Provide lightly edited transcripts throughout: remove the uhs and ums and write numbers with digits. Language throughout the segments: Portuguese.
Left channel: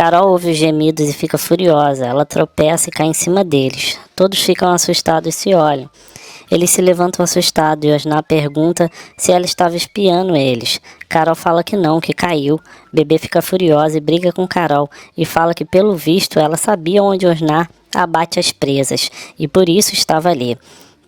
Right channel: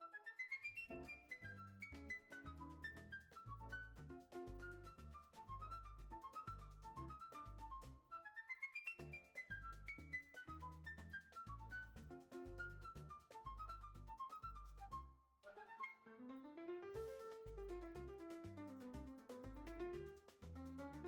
Carol ouve os gemidos e fica furiosa. Ela tropeça e cai em cima deles. Todos ficam assustados e se olham. Eles se levantam assustados e Osná pergunta se ela estava espiando eles. Carol fala que não, que caiu. Bebê fica furiosa e briga com Carol e fala que, pelo visto, ela sabia onde Osná abate as presas e por isso estava ali.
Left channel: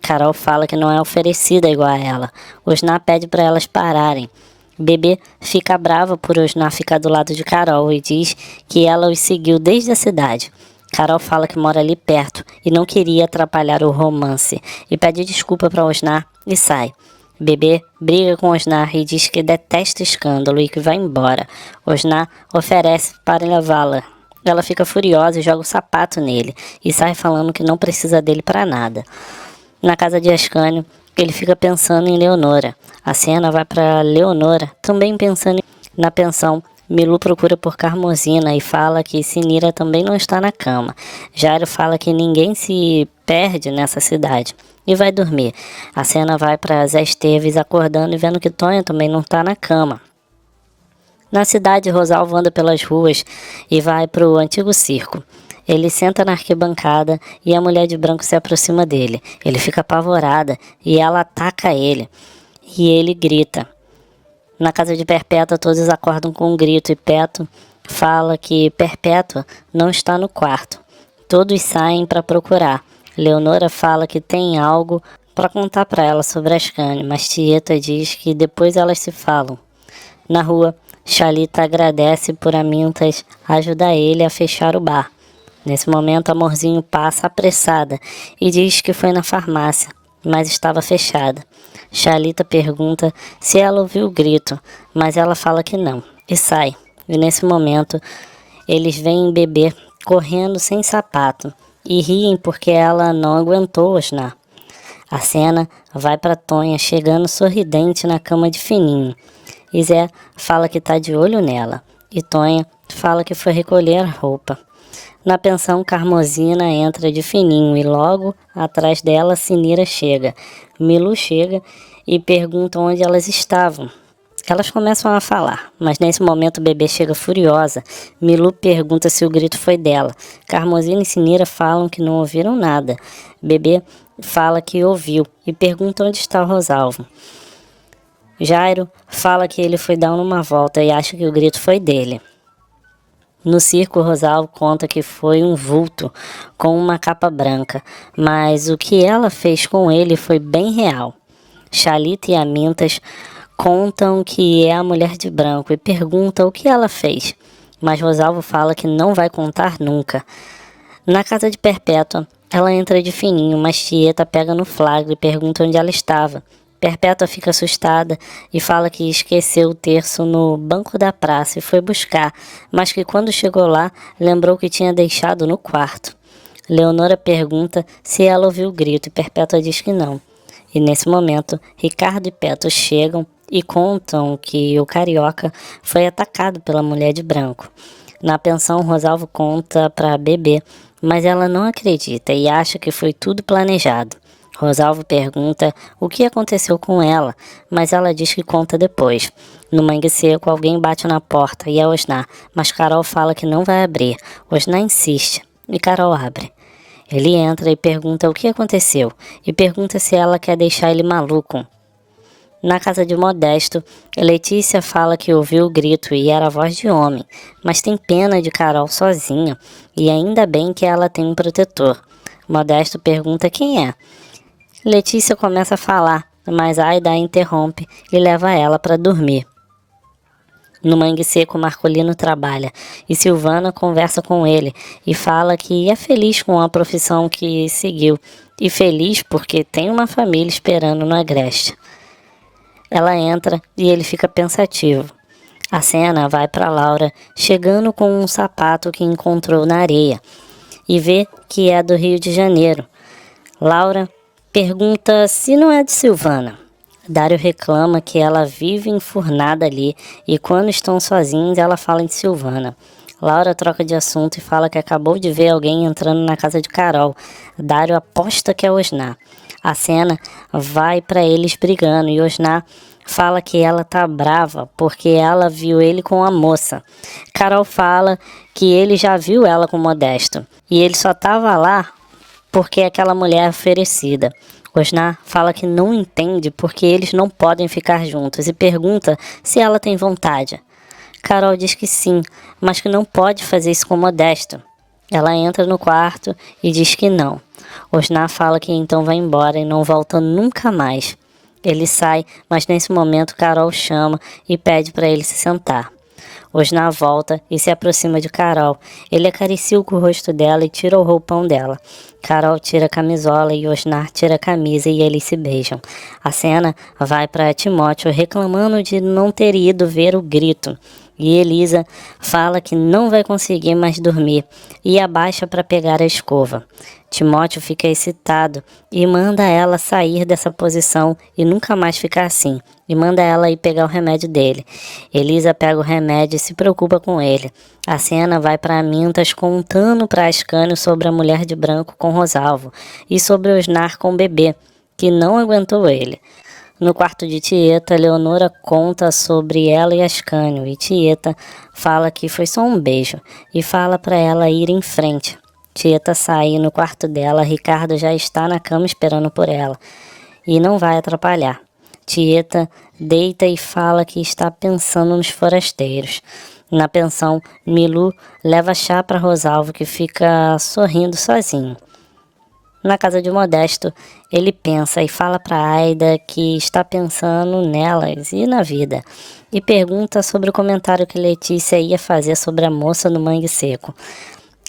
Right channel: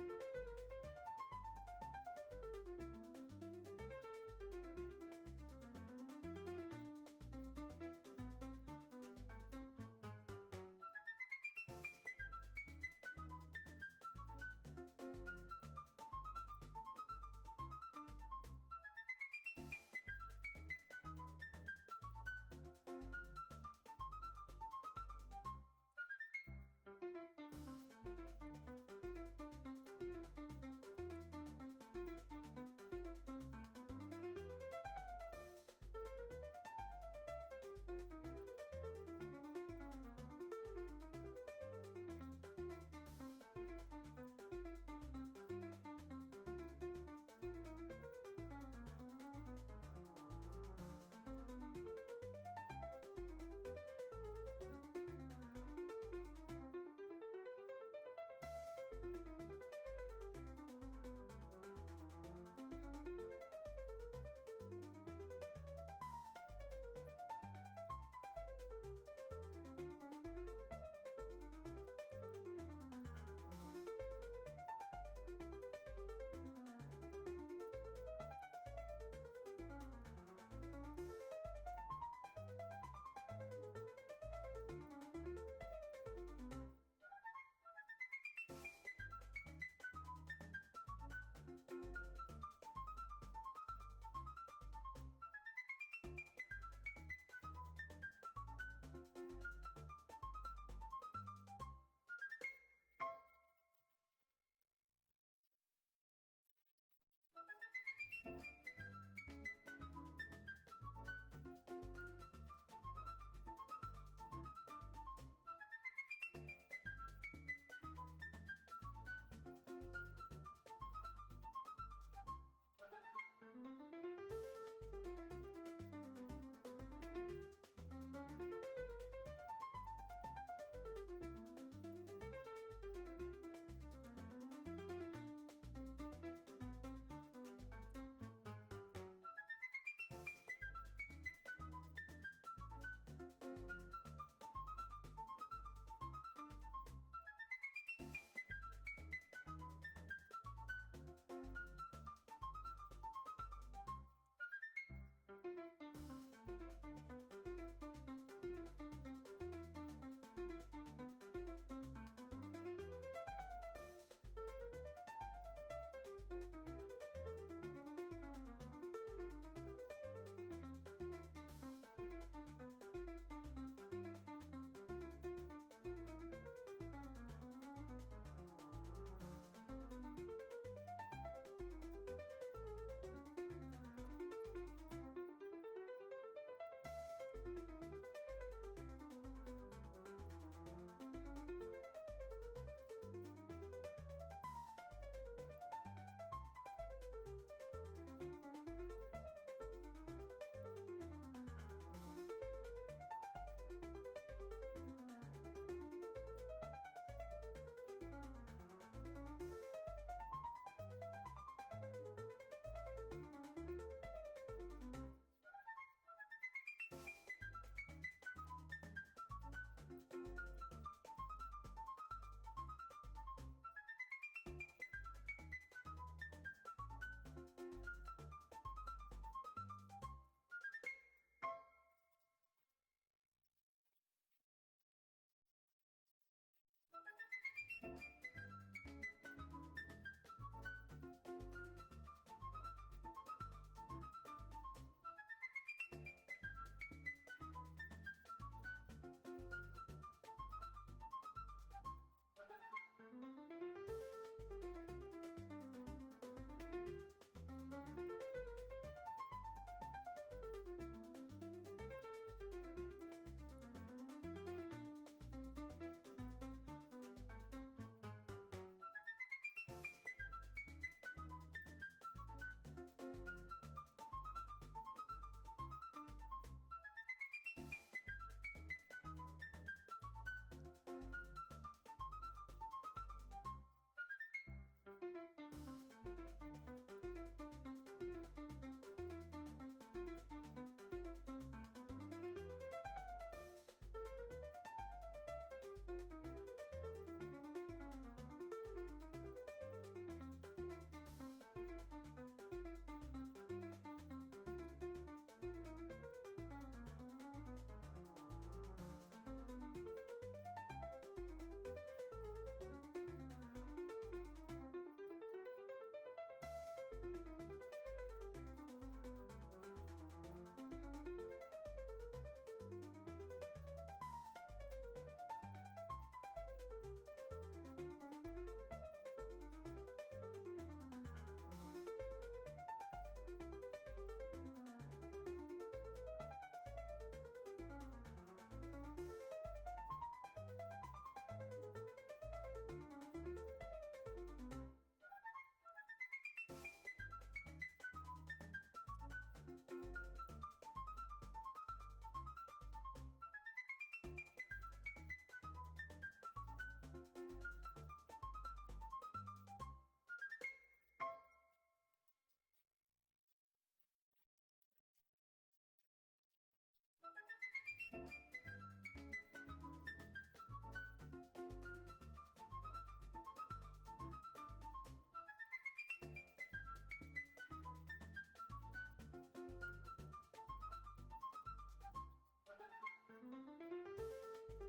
Carol fala que não é oferecida igual a ela. Osná pede para elas pararem. Bebê fica brava por Osná ficar do lado de Carol e diz que ela os seguiu desde a cidade. Carol fala que mora ali perto e não queria atrapalhar o romance e pede desculpa para Osná e sai. Bebê briga com Osná e diz que detesta escândalo e que vai embora. Osná oferece para levá-la. Ela fica furiosa e joga o sapato nele e sai falando que não precisa dele para nada. Na casa de Ascânio, ele fica pensando em Leonora. A cena vai para Leonora, também pensando na pensão. Milu procura por Carmosina e fala que Sinira também não está na cama. Jairo fala que ninguém se perde nessa cidade e vai dormir. A cena vai para Zé Esteves acordando e vendo que Tonha também não está na cama. Na cidade, Rosalvo anda pelas ruas e vai para o antigo circo. Ele senta na arquibancada e a mulher de branco se aproxima dele. Ele fica apavorada e ela ataca ele. E ele grita. Na casa de Perpétua, todos acordam com um grito e Peto fala que Perpétua não está no quarto. Todos saem para procurar. Leonora fala que tem algo para contar para ela sobre Ascânio, mas Tieta diz que depois elas se falam. Na rua, Xalita agradece por Amintas ajudar ele a fechar o bar. Nesse momento, Amorzinho passa apressada e diz que foi na farmácia, mas estava fechada. Xalita pergunta se ela ouviu o grito, mas ela fala que não, e sai. E nesse momento, eles veem Bebê correndo sem sapato e riem porque ela não aguentou Osná. A cena vai para Tonha chegando sorridente na cama de Fininho. E Zé fala que está de olho nela, e Tonha fala que foi recolher a roupa. Na pensão, Carmosina entra de Fininho e logo atrás dela Sinira chega. Milu chega e pergunta onde elas estavam. Elas começam a falar, mas nesse momento o Bebê chega furiosa. Milu pergunta se o grito foi dela. Carmosina e Sinira falam que não ouviram nada. Bebê fala que ouviu e pergunta onde está o Rosalvo. Jairo fala que ele foi dar uma volta e acha que o grito foi dele. No circo, Rosalvo conta que foi um vulto com uma capa branca, mas o que ela fez com ele foi bem real. Xalita e Amintas contam que é a mulher de branco e perguntam o que ela fez, mas Rosalvo fala que não vai contar nunca. Na casa de Perpétua, ela entra de Fininho, mas Tieta pega no flagra e pergunta onde ela estava. Perpétua fica assustada e fala que esqueceu o terço no banco da praça e foi buscar, mas que quando chegou lá, lembrou que tinha deixado no quarto. Leonora pergunta se ela ouviu o grito e Perpétua diz que não. E nesse momento, Ricardo e Peto chegam e contam que o carioca foi atacado pela mulher de branco. Na pensão, Rosalvo conta para Bebê, mas ela não acredita e acha que foi tudo planejado. Rosalvo pergunta o que aconteceu com ela, mas ela diz que conta depois. No Mangue Seco, alguém bate na porta e é Osná, mas Carol fala que não vai abrir. Osná insiste e Carol abre. Ele entra e pergunta o que aconteceu e pergunta se ela quer deixar ele maluco. Na casa de Modesto, Letícia fala que ouviu o grito e era a voz de homem, mas tem pena de Carol sozinha e ainda bem que ela tem um protetor. Modesto pergunta quem é. Letícia começa a falar, mas Aida a interrompe e leva ela para dormir. No Mangue Seco, Marcolino trabalha e Silvana conversa com ele e fala que é feliz com a profissão que seguiu e feliz porque tem uma família esperando no Agreste. Ela entra e ele fica pensativo. A cena vai para Laura chegando com um sapato que encontrou na areia e vê que é do Rio de Janeiro. Laura pergunta se não é de Silvana. Dário reclama que ela vive enfurnada ali e quando estão sozinhos ela fala de Silvana. Laura troca de assunto e fala que acabou de ver alguém entrando na casa de Carol. Dário aposta que é Osná. A cena vai para eles brigando e Osná fala que ela tá brava porque ela viu ele com a moça. Carol fala que ele já viu ela com Modesto e ele só tava lá porque aquela mulher é oferecida. Osnar fala que não entende porque eles não podem ficar juntos e pergunta se ela tem vontade. Carol diz que sim, mas que não pode fazer isso com Modesto. Ela entra no quarto e diz que não. Osnar fala que então vai embora e não volta nunca mais. Ele sai, mas nesse momento Carol chama e pede para ele se sentar. Osnar volta e se aproxima de Carol. Ele acaricia o rosto dela e tira o roupão dela. Carol tira a camisola e Osnar tira a camisa e eles se beijam. A cena vai para Timóteo reclamando de não ter ido ver o grito. E Elisa fala que não vai conseguir mais dormir e abaixa para pegar a escova. Timóteo fica excitado e manda ela sair dessa posição e nunca mais ficar assim. E manda ela ir pegar o remédio dele. Elisa pega o remédio e se preocupa com ele. A cena vai para Mintas contando para Ascânio sobre a mulher de branco com Rosalvo e sobre Osnar com o bebê, que não aguentou ele. No quarto de Tieta, Leonora conta sobre ela e Ascânio, e Tieta fala que foi só um beijo, e fala para ela ir em frente. Tieta sai no quarto dela, Ricardo já está na cama esperando por ela, e não vai atrapalhar. Tieta deita e fala que está pensando nos forasteiros. Na pensão, Milu leva chá para Rosalvo, que fica sorrindo sozinho. Na casa de Modesto, ele pensa e fala para Aida que está pensando nelas e na vida, e pergunta sobre o comentário que Letícia ia fazer sobre a moça no Mangue Seco.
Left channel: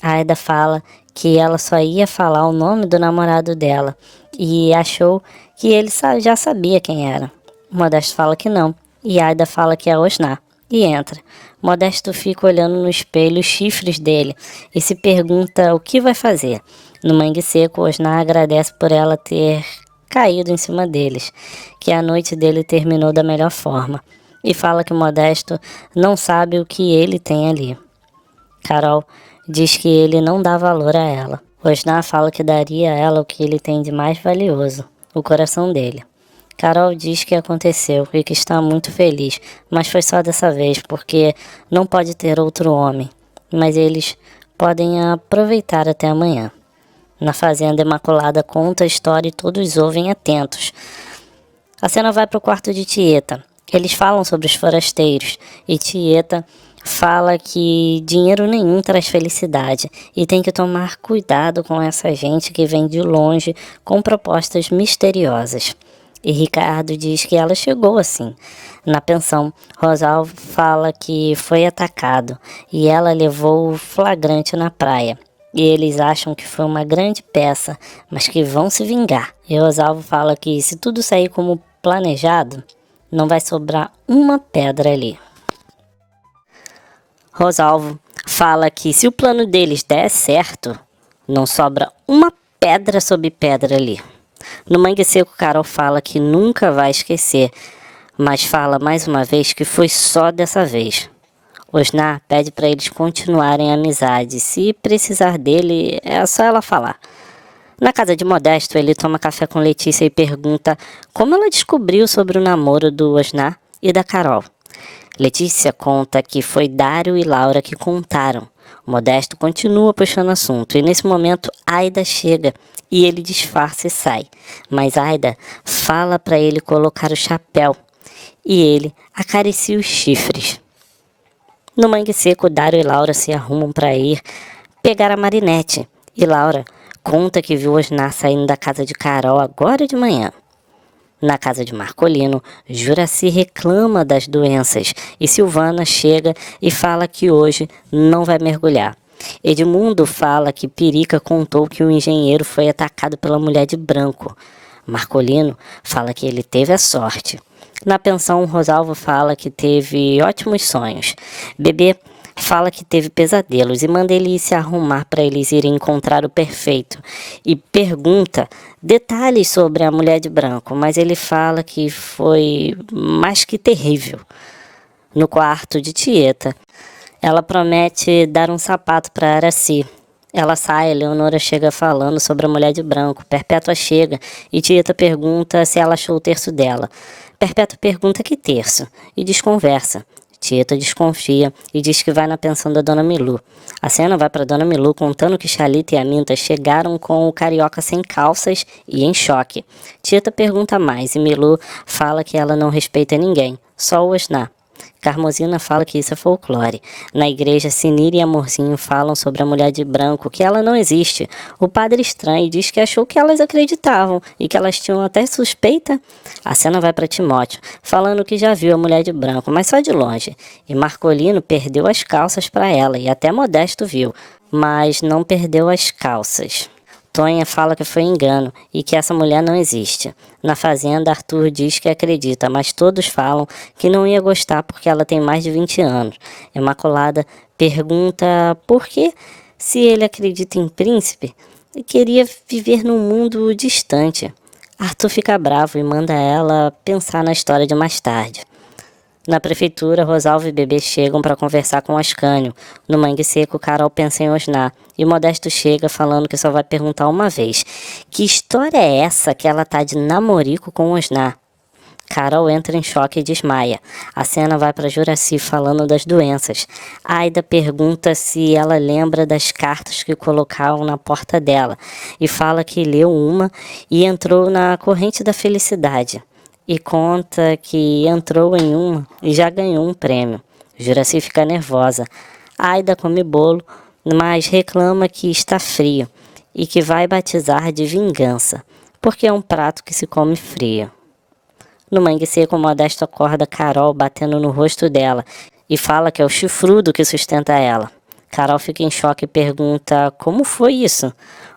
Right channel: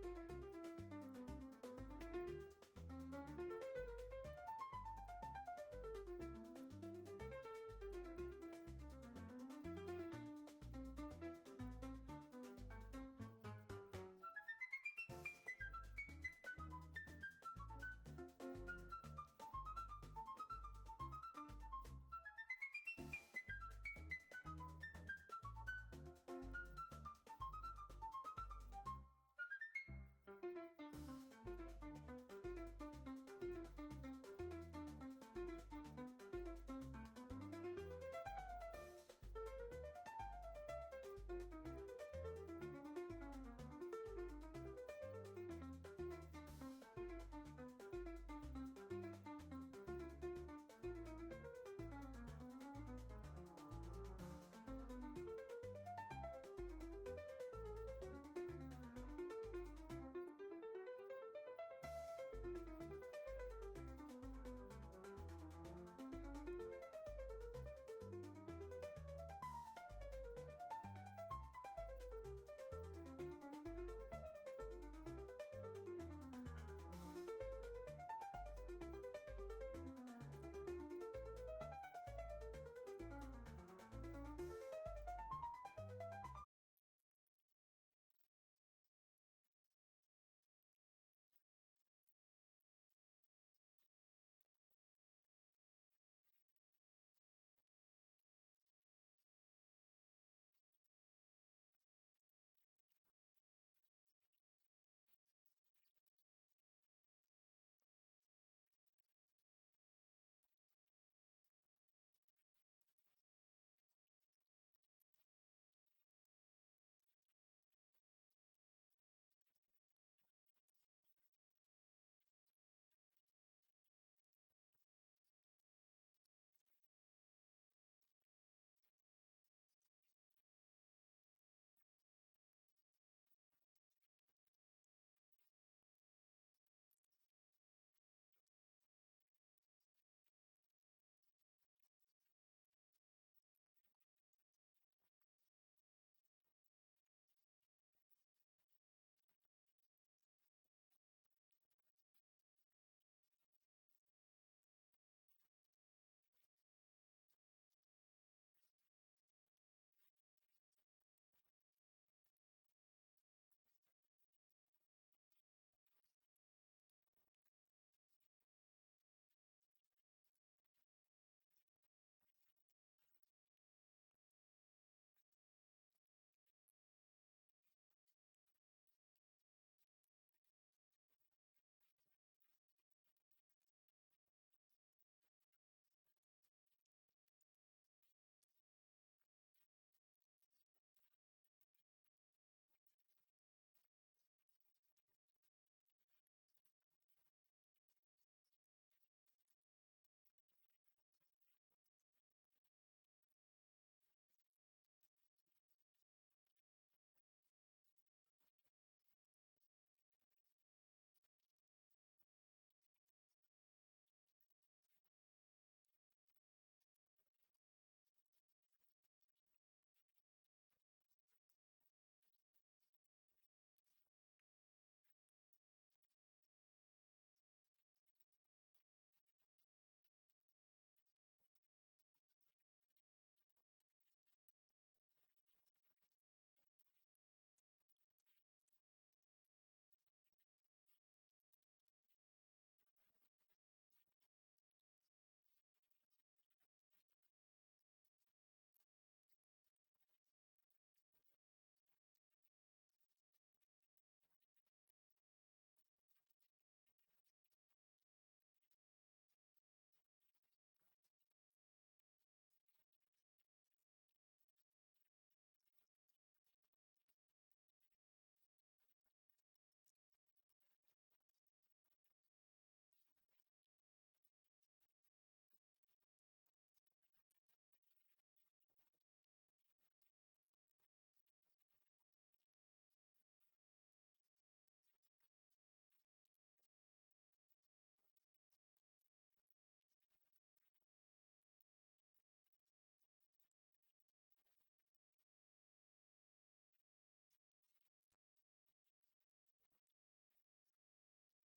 Aida fala que ela só ia falar o nome do namorado dela e achou que ele já sabia quem era. Modesto fala que não, e Aida fala que é Osnar, e entra. Modesto fica olhando no espelho os chifres dele e se pergunta o que vai fazer. No Mangue Seco, Osnar agradece por ela ter caído em cima deles, que a noite dele terminou da melhor forma, e fala que Modesto não sabe o que ele tem ali. Carol diz que ele não dá valor a ela. Osnar fala que daria a ela o que ele tem de mais valioso, o coração dele. Carol diz que aconteceu e que está muito feliz, mas foi só dessa vez, porque não pode ter outro homem, mas eles podem aproveitar até amanhã. Na fazenda, Imaculada conta a história e todos ouvem atentos. A cena vai para o quarto de Tieta. Eles falam sobre os forasteiros e Tieta fala que dinheiro nenhum traz felicidade e tem que tomar cuidado com essa gente que vem de longe com propostas misteriosas. E Ricardo diz que ela chegou assim. Na pensão, Rosalvo fala que foi atacado e ela levou o flagrante na praia. E eles acham que foi uma grande peça, mas que vão se vingar. E Rosalvo fala que se tudo sair como planejado, não vai sobrar uma pedra ali. Rosalvo fala que se o plano deles der certo, não sobra uma pedra sobre pedra ali. No Mangue Seco, Carol fala que nunca vai esquecer, mas fala mais uma vez que foi só dessa vez. Osnar pede para eles continuarem a amizade. Se precisar dele, é só ela falar. Na casa de Modesto, ele toma café com Letícia e pergunta como ela descobriu sobre o namoro do Osnar e da Carol. Letícia conta que foi Dário e Laura que contaram. Modesto continua puxando assunto e nesse momento Aida chega e ele disfarça e sai. Mas Aida fala para ele colocar o chapéu e ele acaricia os chifres. No Mangue Seco, Dário e Laura se arrumam para ir pegar a Marinette. E Laura conta que viu Osnar saindo da casa de Carol agora de manhã. Na casa de Marcolino, Juraci reclama das doenças e Silvana chega e fala que hoje não vai mergulhar. Edmundo fala que Pirica contou que o engenheiro foi atacado pela mulher de branco. Marcolino fala que ele teve a sorte. Na pensão, Rosalvo fala que teve ótimos sonhos. Bebê fala que teve pesadelos e manda ele se arrumar para eles irem encontrar o perfeito. E pergunta detalhes sobre a mulher de branco, mas ele fala que foi mais que terrível. No quarto de Tieta, ela promete dar um sapato para Araci. Ela sai, Leonora chega falando sobre a mulher de branco. Perpétua chega e Tieta pergunta se ela achou o terço dela. Perpétua pergunta que terço e desconversa. Tieta desconfia e diz que vai na pensão da Dona Milu. A cena vai para Dona Milu contando que Xalita e Aminta chegaram com o carioca sem calças e em choque. Tieta pergunta mais e Milu fala que ela não respeita ninguém, só o Osná. Carmosina fala que isso é folclore. Na igreja, Sinira e Amorzinho falam sobre a mulher de branco, que ela não existe. O padre estranho diz que achou que elas acreditavam e que elas tinham até suspeita. A cena vai para Timóteo, falando que já viu a mulher de branco, mas só de longe. E Marcolino perdeu as calças para ela, e até Modesto viu, mas não perdeu as calças. Tonha fala que foi engano e que essa mulher não existe. Na fazenda, Arthur diz que acredita, mas todos falam que não ia gostar porque ela tem mais de 20 anos. Imaculada pergunta por que, se ele acredita em príncipe, ele queria viver num mundo distante. Arthur fica bravo e manda ela pensar na história de mais tarde. Na prefeitura, Rosalvo e Bebê chegam para conversar com Ascânio. No Mangue Seco, Carol pensa em Osná. E Modesto chega falando que só vai perguntar uma vez. Que história é essa que ela tá de namorico com Osná? Carol entra em choque e desmaia. A cena vai para Juraci falando das doenças. Aida pergunta se ela lembra das cartas que colocavam na porta dela. E fala que leu uma e entrou na corrente da felicidade. E conta que entrou em uma e já ganhou um prêmio. Juraci fica nervosa. Aida come bolo, mas reclama que está frio e que vai batizar de vingança, porque é um prato que se come frio. No Mangue Seco, Modesto acorda Carol batendo no rosto dela e fala que é o chifrudo que sustenta ela. Carol fica em choque e pergunta como foi isso.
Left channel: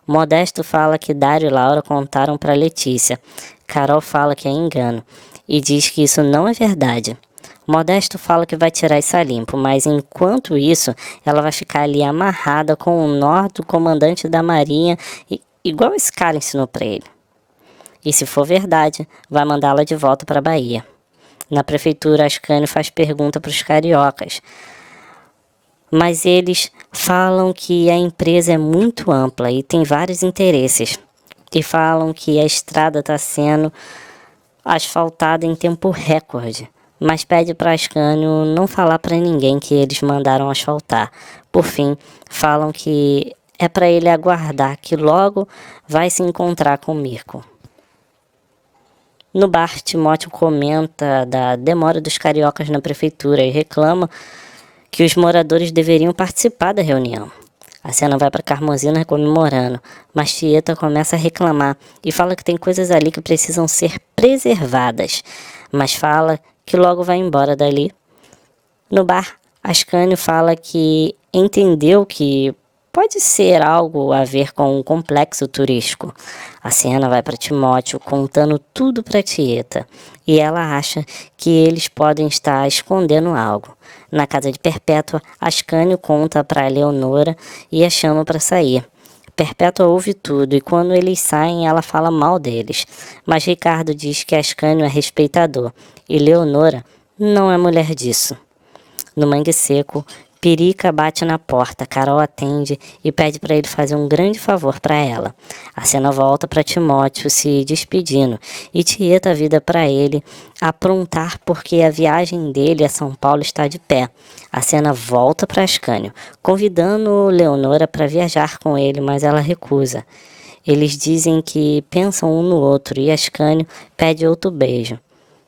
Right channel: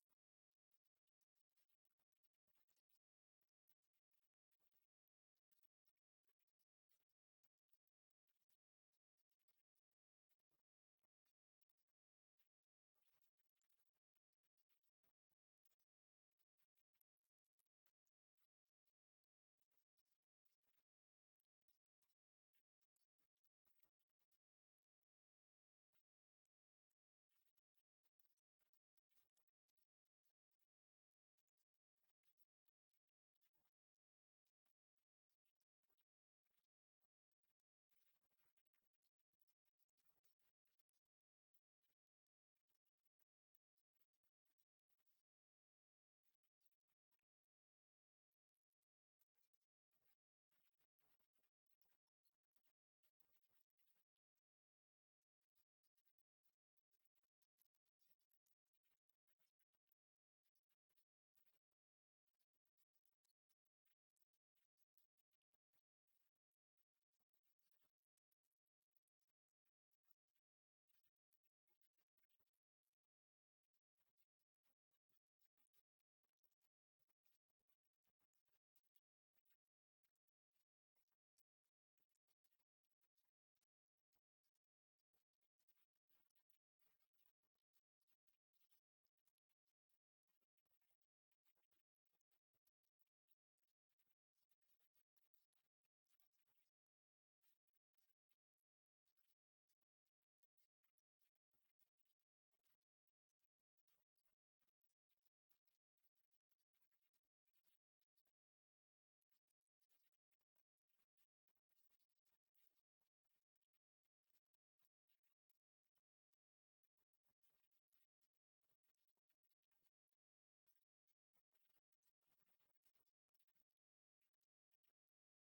Modesto fala que Dário e Laura contaram para Letícia. Carol fala que é engano e diz que isso não é verdade. Modesto fala que vai tirar isso a limpo, mas enquanto isso, ela vai ficar ali amarrada com o nó do comandante da marinha, igual esse cara ensinou para ele. E se for verdade, vai mandá-la de volta para a Bahia. Na prefeitura, Ascânio faz pergunta para os cariocas, mas eles falam que a empresa é muito ampla e tem vários interesses. E falam que a estrada está sendo asfaltada em tempo recorde, mas pede para Ascânio não falar para ninguém que eles mandaram asfaltar. Por fim, falam que é para ele aguardar que logo vai se encontrar com Mirko. No bar, Timóteo comenta da demora dos cariocas na prefeitura e reclama que os moradores deveriam participar da reunião. A cena vai para Carmosina comemorando, mas Tieta começa a reclamar e fala que tem coisas ali que precisam ser preservadas, mas fala que logo vai embora dali. No bar, Ascânio fala que entendeu que pode ser algo a ver com um complexo turístico. A cena vai para Timóteo contando tudo para Tieta e ela acha que eles podem estar escondendo algo. Na casa de Perpétua, Ascânio conta para Leonora e a chama para sair. Perpétua ouve tudo e quando eles saem ela fala mal deles, mas Ricardo diz que Ascânio é respeitador e Leonora não é mulher disso. No Mangue Seco, Pirica bate na porta, Carol atende e pede para ele fazer um grande favor para ela. A cena volta para Timóteo se despedindo e Tieta vida para ele aprontar porque a viagem dele a São Paulo está de pé. A cena volta para Ascânio, convidando Leonora para viajar com ele, mas ela recusa. Eles dizem que pensam um no outro e Ascânio pede outro beijo.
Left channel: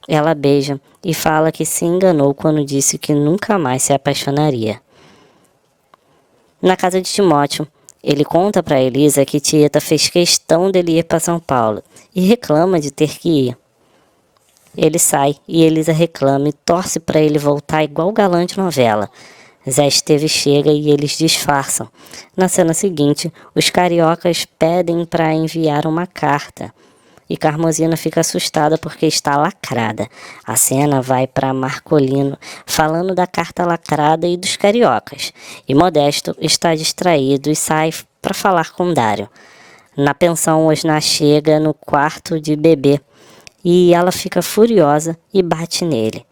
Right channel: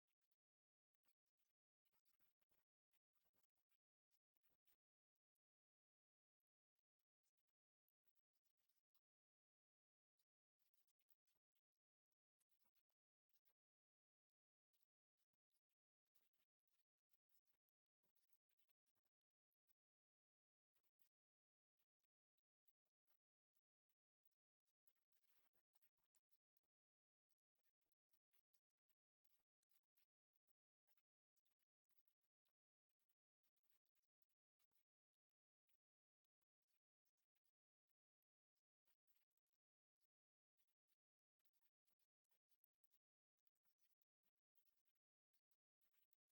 Ela beija e fala que se enganou quando disse que nunca mais se apaixonaria. Na casa de Timóteo, ele conta para Elisa que Tieta fez questão dele ir para São Paulo e reclama de ter que ir. Ele sai e Elisa reclama e torce para ele voltar igual galã de novela. Zé Esteves chega e eles disfarçam. Na cena seguinte, os cariocas pedem para enviar uma carta. E Carmosina fica assustada porque está lacrada. A cena vai para Marcolino, falando da carta lacrada e dos cariocas. E Modesto está distraído e sai para falar com Dário. Na pensão, Osná chega no quarto de Bebê e ela fica furiosa e bate nele.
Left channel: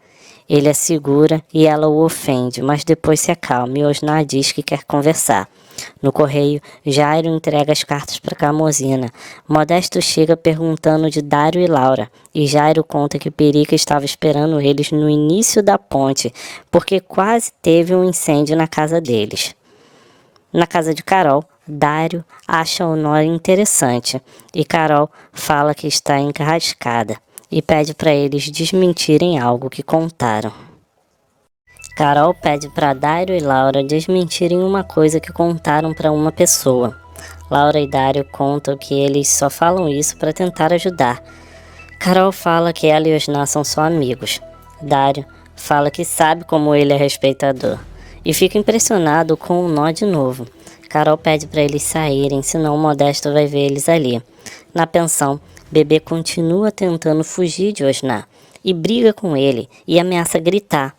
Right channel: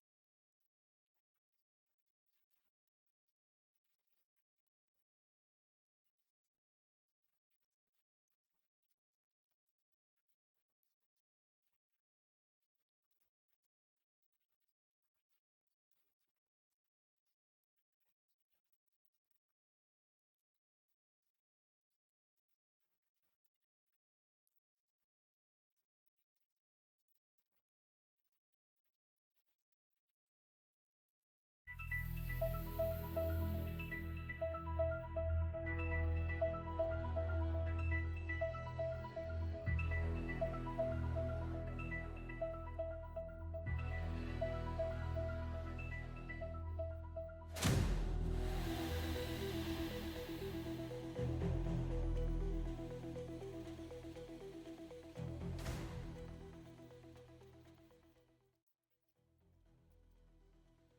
Ele a segura e ela o ofende, mas depois se acalma e Osná diz que quer conversar. No correio, Jairo entrega as cartas para Carmozina. Modesto chega perguntando de Dário e Laura, e Jairo conta que Perica estava esperando eles no início da ponte, porque quase teve um incêndio na casa deles. Na casa de Carol, Dário acha Honório interessante, e Carol fala que está encarrascada, e pede para eles desmentirem algo que contaram. Carol pede para Dário e Laura desmentirem uma coisa que contaram para uma pessoa. Laura e Dário contam que eles só falam isso para tentar ajudar. Carol fala que ela e Osná são só amigos. Dário fala que sabe como ele é respeitador e fica impressionado com o nó de novo. Carol pede para eles saírem, senão o Modesto vai ver eles ali. Na pensão, Bebê continua tentando fugir de Osná e briga com ele e ameaça gritar.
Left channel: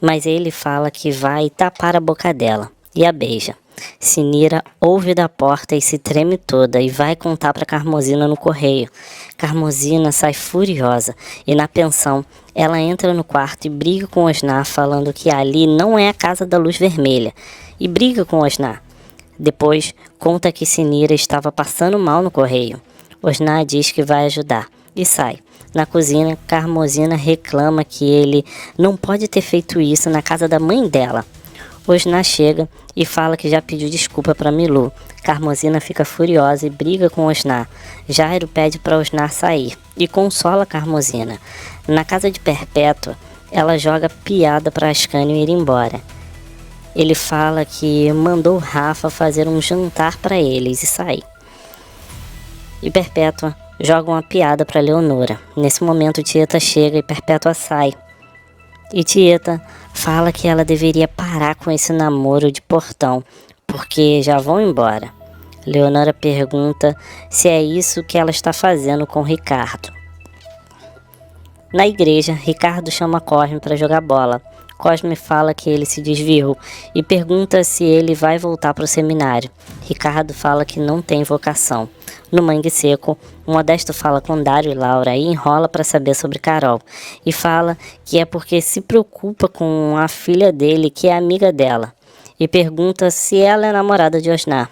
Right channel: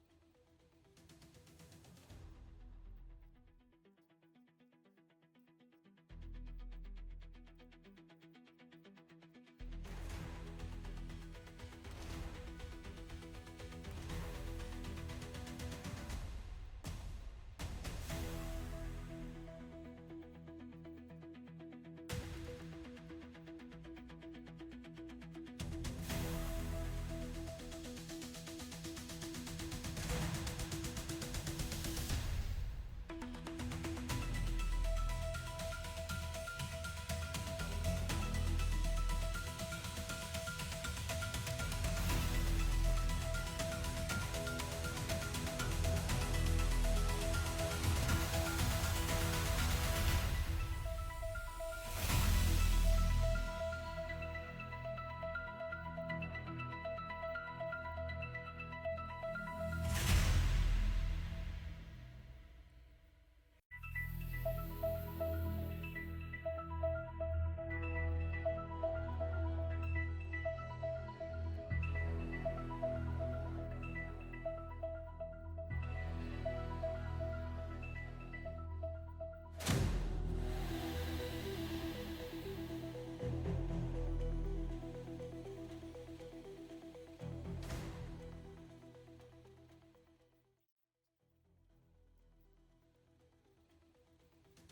Mas ele fala que vai tapar a boca dela e a beija. Sinira ouve da porta e se treme toda e vai contar para Carmozina no correio. Carmozina sai furiosa e na pensão ela entra no quarto e briga com Osná falando que ali não é a casa da luz vermelha e briga com Osná. Depois conta que Sinira estava passando mal no correio. Osná diz que vai ajudar e sai. Na cozinha, Carmozina reclama que ele não pode ter feito isso na casa da mãe dela. Osná chega e fala que já pediu desculpa para Milu. Carmozina fica furiosa e briga com Osná. Jairo pede para Osná sair e consola Carmozina. Na casa de Perpétua, ela joga piada para Ascânio ir embora. Ele fala que mandou Rafa fazer um jantar para eles e sair. E Perpétua joga uma piada para Leonora. Nesse momento, Tieta chega e Perpétua sai. E Tieta fala que ela deveria parar com esse namoro de portão, porque já vão embora. Leonora pergunta se é isso que ela está fazendo com Ricardo. Na igreja, Ricardo chama Cosme para jogar bola. Cosme fala que ele se desviou e pergunta se ele vai voltar para o seminário. Ricardo fala que não tem vocação. No Mangue Seco, Modesto fala com Dário e Laura e enrola para saber sobre Carol. E fala que é porque se preocupa com a filha dele, que é amiga dela. E pergunta se ela é namorada de Osná.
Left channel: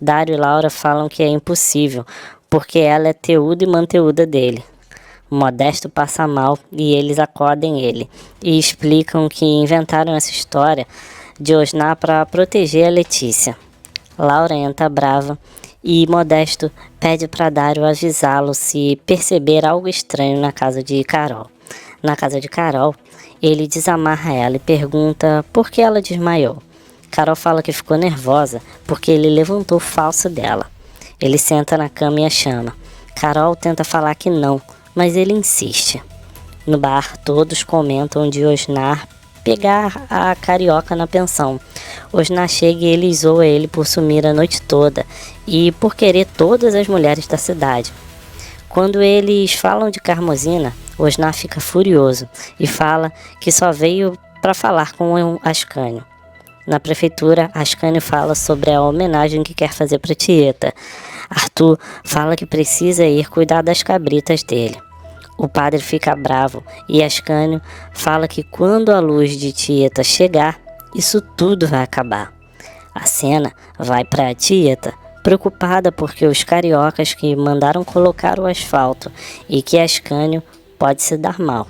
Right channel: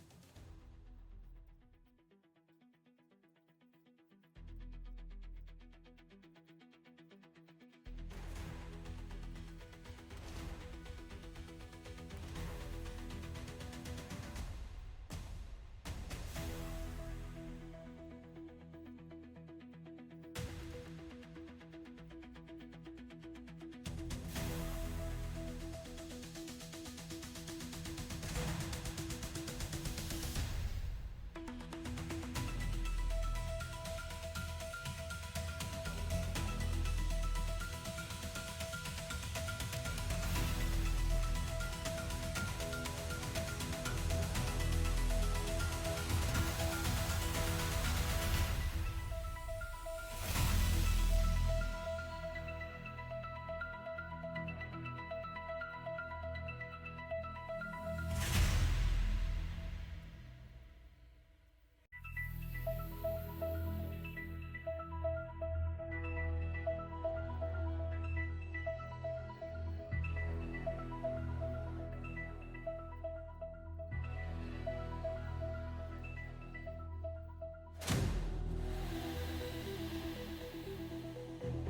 Dário e Laura falam que é impossível, porque ela é teuda e manteuda dele. Modesto passa mal e eles acordam ele e explicam que inventaram essa história de Osná para proteger a Letícia. Laura entra brava e Modesto pede para Dário avisá-lo se perceber algo estranho na casa de Carol. Na casa de Carol, ele desamarra ela e pergunta por que ela desmaiou. Carol fala que ficou nervosa porque ele levantou o falso dela. Ele senta na cama e a chama. Carol tenta falar que não, mas ele insiste. No bar, todos comentam de Osná pegar a carioca na pensão. Osná chega e ele zoa ele por sumir a noite toda e por querer todas as mulheres da cidade. Quando eles falam de Carmozina, Osná fica furioso e fala que só veio para falar com Ascânio. Na prefeitura, Ascânio fala sobre a homenagem que quer fazer para Tieta. Arthur fala que precisa ir cuidar das cabritas dele. O padre fica bravo e Ascânio fala que quando a luz de Tieta chegar, isso tudo vai acabar. A cena vai para a Tieta, preocupada porque os cariocas que mandaram colocar o asfalto e que Ascânio pode se dar mal.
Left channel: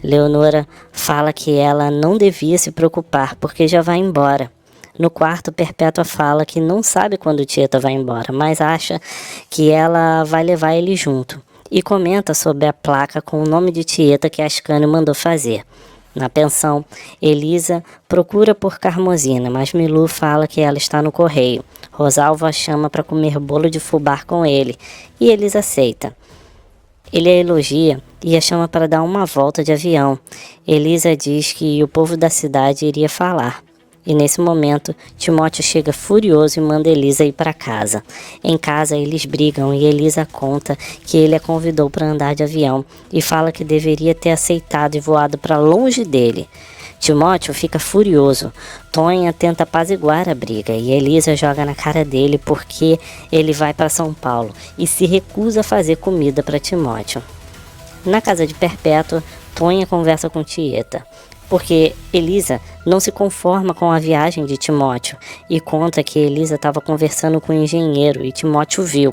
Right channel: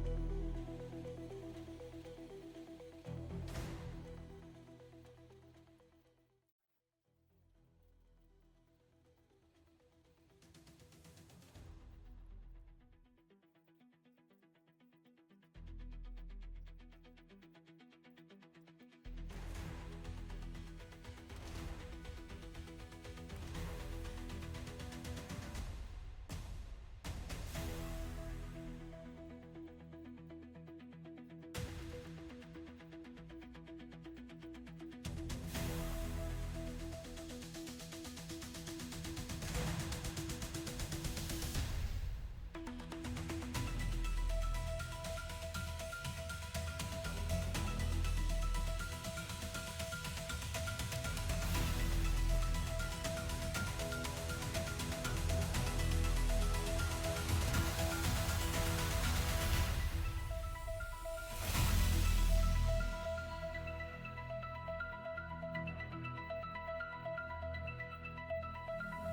Leonora fala que ela não devia se preocupar porque já vai embora. No quarto, Perpétua fala que não sabe quando Tieta vai embora, mas acha que ela vai levar ele junto. E comenta sobre a placa com o nome de Tieta que Ascânio mandou fazer. Na pensão, Elisa procura por Carmozina, mas Milu fala que ela está no correio. Rosalva a chama para comer bolo de fubá com ele, e Elisa aceita. Ele a elogia e a chama para dar uma volta de avião. Elisa diz que o povo da cidade iria falar. E nesse momento, Timóteo chega furioso e manda Elisa ir para casa. Em casa, eles brigam e Elisa conta que ele a convidou para andar de avião e fala que deveria ter aceitado e voado para longe dele. Timóteo fica furioso. Tonha tenta apaziguar a briga e Elisa joga na cara dele porque ele vai para São Paulo e se recusa a fazer comida para Timóteo. Na casa de Perpétua, Tonha conversa com Tieta. porque Elisa não se conforma com a viagem de Timóteo e conta que Elisa estava conversando com o engenheiro e Timóteo viu.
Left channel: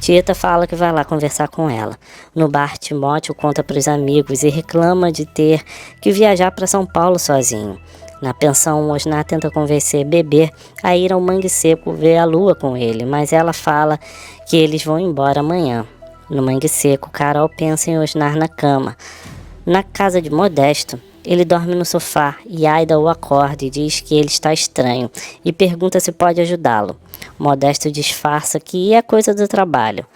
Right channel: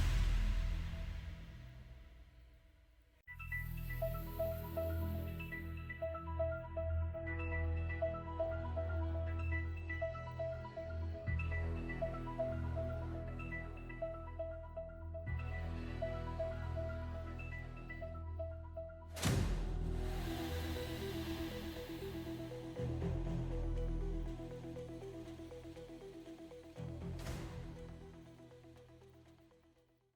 Tieta fala que vai lá conversar com ela. No bar, Timóteo conta para os amigos e reclama de ter que viajar para São Paulo sozinho. Na pensão, Osnar tenta convencer Bebê a ir ao Mangue Seco ver a lua com ele, mas ela fala que eles vão embora amanhã. No Mangue Seco, Carol pensa em Osnar na cama. Na casa de Modesto, ele dorme no sofá e Aida o acorda e diz que ele está estranho e pergunta se pode ajudá-lo. Modesto disfarça que é coisa do trabalho.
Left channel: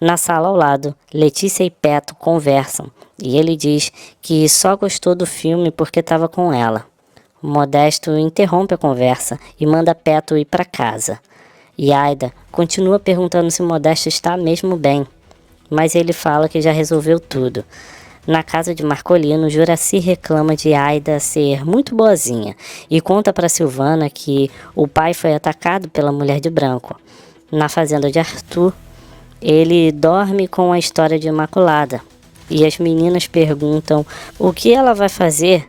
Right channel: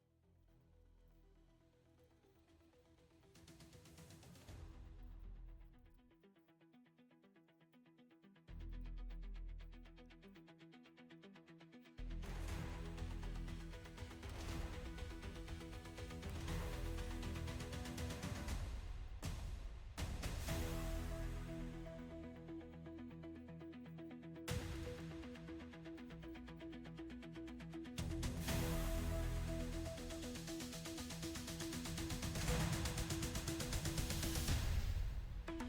Na sala ao lado, Letícia e Peto conversam e ele diz que só gostou do filme porque estava com ela. Modesto interrompe a conversa e manda Peto ir para casa. E Aida continua perguntando se Modesto está mesmo bem, mas ele fala que já resolveu tudo. Na casa de Marcolino, Juraci reclama de Aida ser muito boazinha e conta para Silvana que o pai foi atacado pela mulher de branco. Na fazenda de Arthur, ele dorme com a história de Imaculada e as meninas perguntam o que ela vai fazer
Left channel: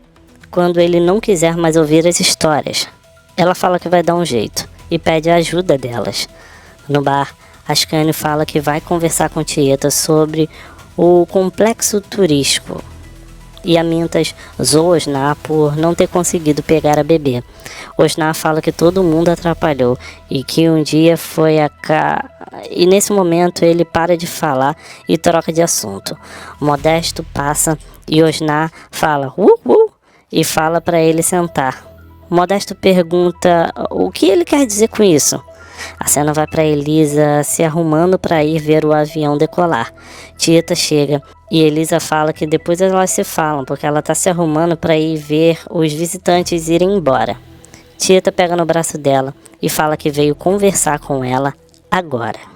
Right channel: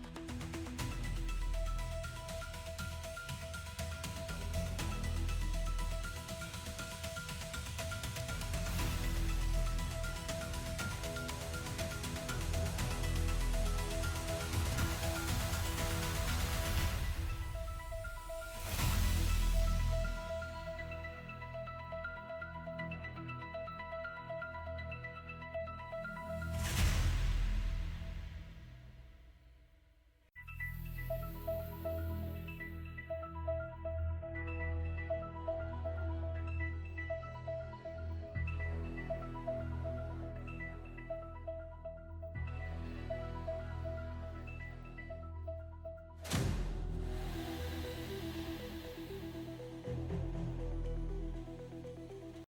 quando ele não quiser mais ouvir as histórias. Ela fala que vai dar um jeito e pede a ajuda delas. No bar, Ascânio fala que vai conversar com Tieta sobre o complexo turístico e a Mintas zoa Osnar por não ter conseguido pegar a Bebê. Osnar fala que todo mundo atrapalhou e que um dia foi e nesse momento ele para de falar e troca de assunto. Modesto passa e Osnar fala e fala para ele sentar. Modesto pergunta o que ele quer dizer com isso. A cena vai para Elisa se arrumando para ir ver o avião decolar. Tieta chega e Elisa fala que depois elas se falam, porque ela está se arrumando para ir ver os visitantes irem embora. Tieta pega no braço dela e fala que veio conversar com ela agora.